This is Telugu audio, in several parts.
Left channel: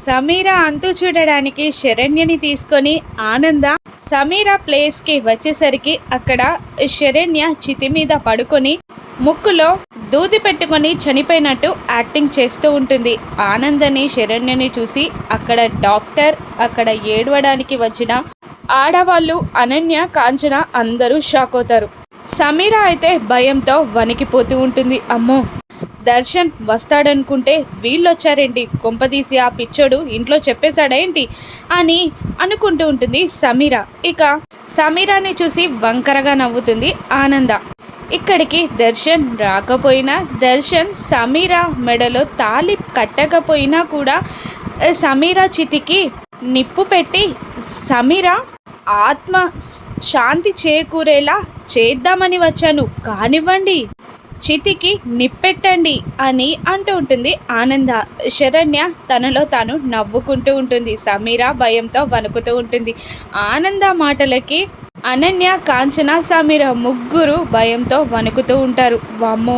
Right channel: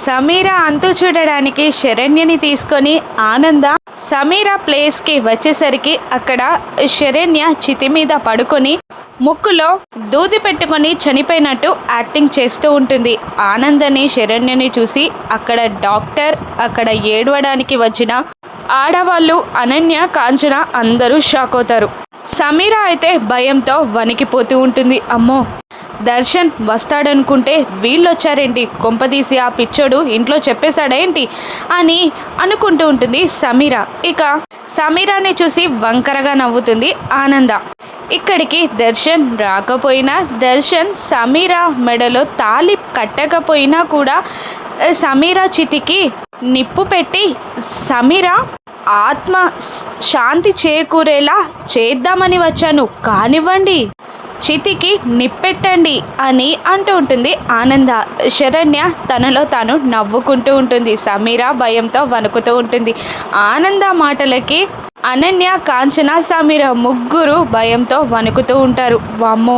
సమీర అంతు చూడడానికి శరణ్యని తీసుకొని ఆనంద సమీర ప్లేస్కి వచ్చేసరికి అక్కడ శరణ్య చితి మీద పడుకొని ముక్కులో దూది పెట్టుకొని చనిపోయినట్టు యాక్టింగ్ చేస్తూ ఉంటుంది. ఆనందని శరణ్యని చూసి అక్కడ డాక్టర్, అక్కడ ఏడవడానికి వచ్చిన ఆడవాళ్ళు అనన్య, కాంచన అందరూ షాక్ అవుతారు. సమీర అయితే భయంతో వణికిపోతూ ఉంటుంది. అమ్మో, దర్శన్ వస్తాడనుకుంటే వీళ్ళొచ్చారేంటి, కొంపదీసి ఆ పిచ్చోడు ఇంట్లో చెప్పేశాడేంటి అని అనుకుంటూ ఉంటుంది సమీర. ఇక సమీరాని చూసి వంకరగా నవ్వుతుంది ఆనంద. ఇక్కడికి దర్శన్ రాకపోయినా, దర్శన్ సమీర మెడలో తాళి కట్టకపోయినా కూడా సమీర చితికి నిప్పు పెట్టి సమీర ఆత్మ శాంతి చేకూరేలా చేద్దామని వచ్చాను, కానివ్వండి, చితికి నిప్పెట్టండి అని అంటూ ఉంటుంది ఆనంద. శరణ్య తనలో తాను నవ్వుకుంటూ ఉంటుంది. సమీర భయంతో వణుకుతూ ఉంటుంది. ఆనంద మాటలకి అనన్య, కాంచన, సమీర ముగ్గురు భయంతో వణుకుతూ ఉంటారు. వామ్మో,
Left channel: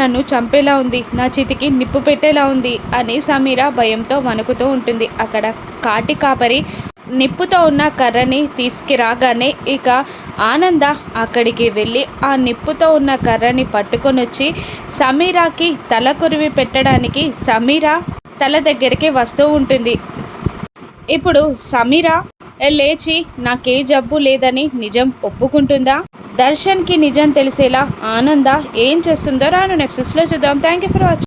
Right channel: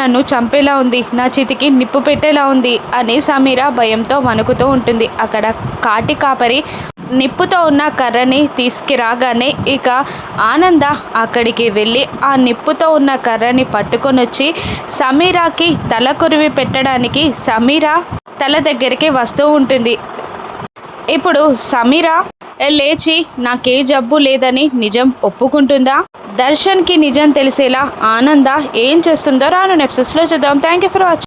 నన్ను చంపేలా ఉంది, నా చితికి నిప్పు పెట్టేలా ఉంది అని సమీర భయంతో వణుకుతూ ఉంటుంది. అక్కడ కాటి కాపరి నిప్పుతో ఉన్న కర్రని తీసుకురాగానే ఇక ఆనంద అక్కడికి వెళ్ళి ఆ నిప్పుతో ఉన్న కర్రని పట్టుకొని వచ్చి సమీరాకి తల కొరివి పెట్టడానికి సమీర తల దగ్గరికి వస్తూ ఉంటుంది. ఇప్పుడు సమీర లేచి నాకే జబ్బు లేదని నిజం ఒప్పుకుంటుందా? దర్శన్కి నిజం తెలిసేలా ఆనంద ఏం చేస్తుందో రాను ఎపిసోడ్స్లో చూద్దాం. Thank you for watching.